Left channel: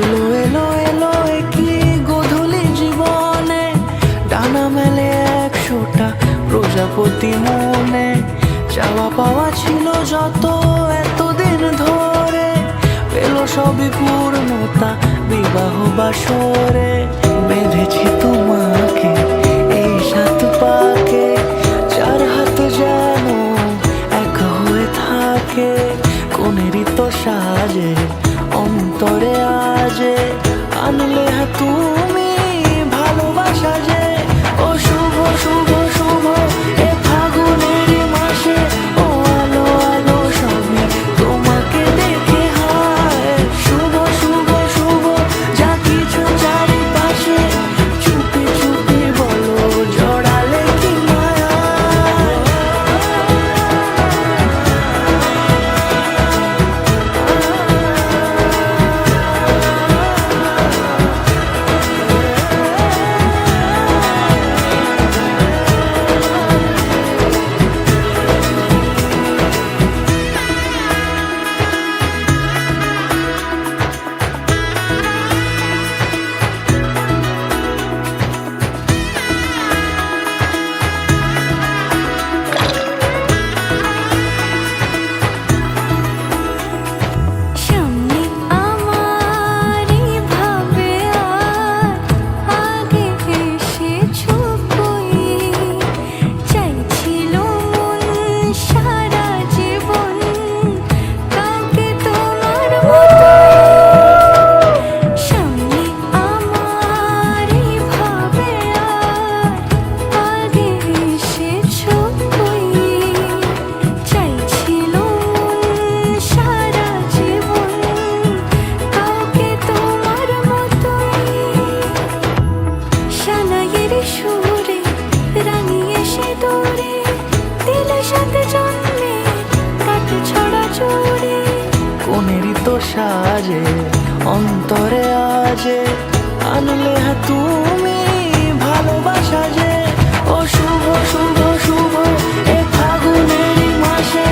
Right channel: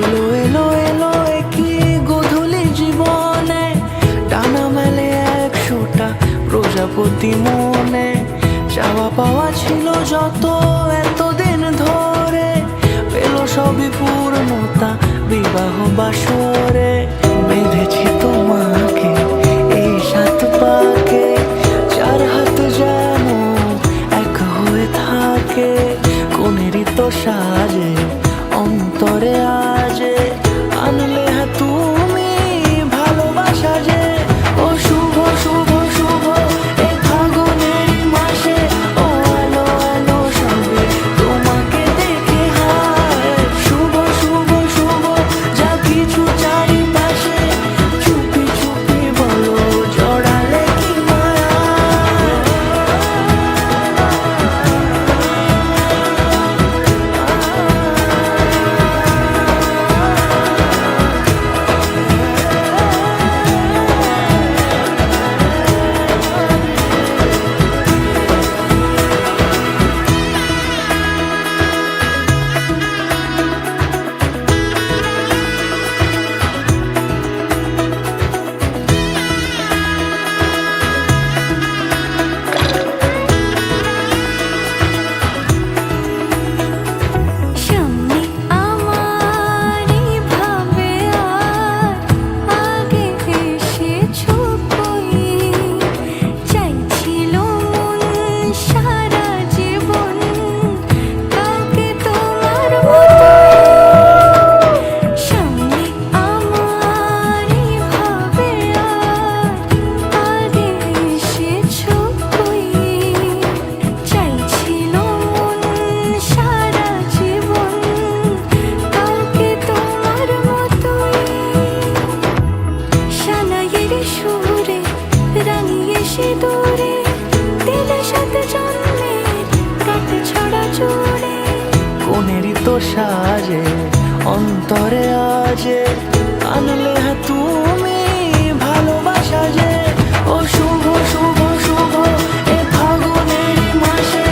এলো এলো এলো কি গোধূলি জীবনে, ডানা মেলে 100টা প্রজাপতি মনে। চাওয়া পাওয়া ছিল যত এতদিন ধরে, পেল সবই পূর্ণতা বিবাহ বাসরে। বেঁধেছি তোমাকে এই 7 পাকে, 4 হাত যেন এক হয়ে থাকে। কোনেরই তো সাজে অন্তরে আজে, আনলে তুমি ভালোবাসা যে। ও শুভ শুভ শুভ এ ফাগুনেরই মাসে, ও আলো আলো সবই তোমাকে দেখে হায়। শুভ শুভ শুভ যা কিছু চারিপাশে, চুপি চুপি বলো জড়ালে কি মায়া। সুরে রাঙিয়ে সে দূরে, দিলে 7 জন্মের কাট ছড়া জুড়ে। কোনেরই তো সাজে অন্তরে আজে, আনলে তুমি ভালোবাসা যে। ও শুভ শুভ শুভ এ ফাগুনেরই মাসে,